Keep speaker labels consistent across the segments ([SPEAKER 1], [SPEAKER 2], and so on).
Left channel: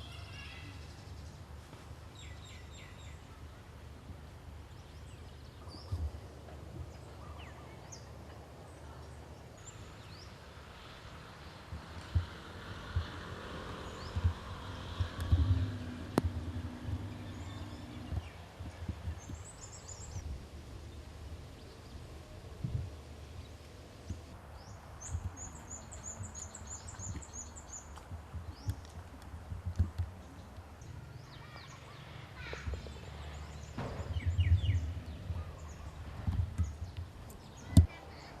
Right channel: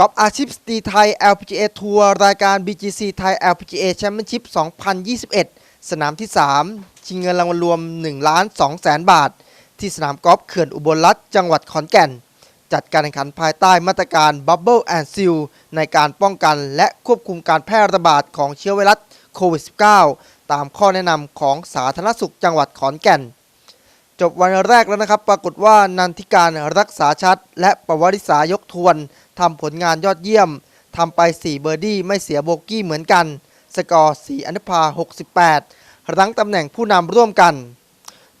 [SPEAKER 1] กอล์ฟอาชีพสตรีไทย LPGA ทัวร์รายการ BGC ไทย LPGA Championship 2021 สนามที่ 3 ชิงเงินรางวัลรวม1ล้าน2แสนบาท ที่สนามกอล์ฟเขื่อนอุบลรัฐจังหวัดขอนแก่น จัดการแข่งขันภายใต้มาตรการ Bubble and Seal ในการป้องกันและควบคุมการแพร่ระบาดของเชื้อไวรัสโควิด -19 ตามข้อแนะนำของสาธารณสุขจังหวัดขอนแก่น จบวันแรกแล้วนะครับ ปรากฏว่านันทิการรักษาชัด และประวัติศายกทวน ทำผลงานยอดเยี่ยมทำไป 4 เบอร์ดี้ไม่เสียโบกี้เหมือนกัน สกอร์ 4อันดพา68 รั้งตำแหน่งผู้นำร่วมกัน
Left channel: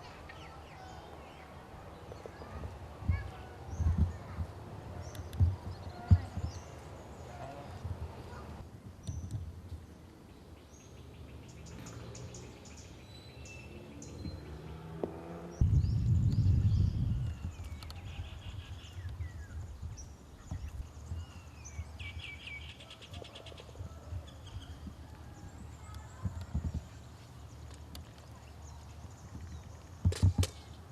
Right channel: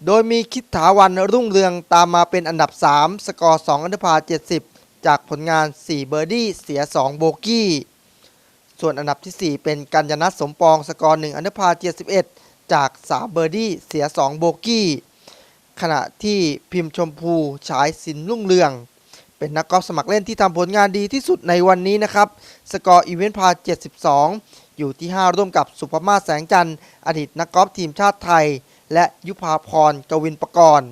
[SPEAKER 1] โดยมีคิดถาวันรุ่งเรืองตามมาเป็นอันดับ 3 สกอร์ 2อันดพา70 จากผลงาน 4 เบอร์ดี้เสีย 2 โบกี้ ส่วนอันดับทีสี่4 เป็นกัญญนัทสมปอง สกอร์ 1อันดพา71 จาก 3 เบอร์ดี้เสีย 2 โบกี้ ขณะที่พิมพ์ชมพูฉายสินรุ่งเรือง เป็นนักกอล์ฟสมัครเล่นที่ทำผลงานดีที่สุดในวันนี้นะครับ สกอร์อีเวนต์พา 72 อยู่ที่ 5 ร่วมกับสุภมาศแสงจันทร์ อดีตนักกอล์ฟทีมชาติไทย และยุพาพรกวินประกรณ์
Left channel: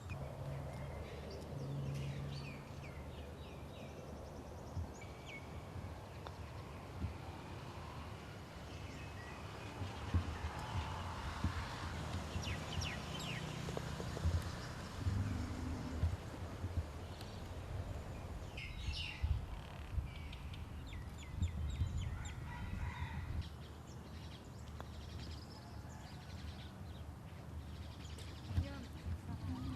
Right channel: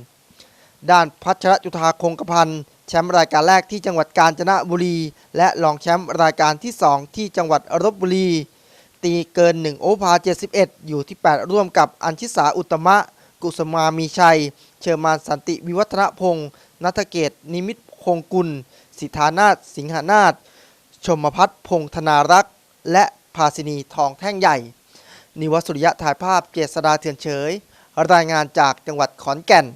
[SPEAKER 1] ด้านพัชรจุธาคงกระพันธ์แชมป์รายการแรกที่จังหวัดกาญจนบุรี และรองแชมป์รายการที่ 2 ที่จังหวัดลบบุรี ตีเกิน 1 โอเวอร์พา71 อยู่ที่ 8 ร่วมกับอัญชิสาอุตตมะ กุสมามีชัย เชอร์มานสันติวิวัฒนพงศ์นัทเกตนิมิต พงกุล สิทธานาถสิงหานาถชมพัฒน์พงธนารักษ์ และภาสินีทองแท่งใหญ่ นิวัสุริยะถ่ายภาพเกษดาเถื่อนเฉย รายงานจากจังหวัดขอนแก่น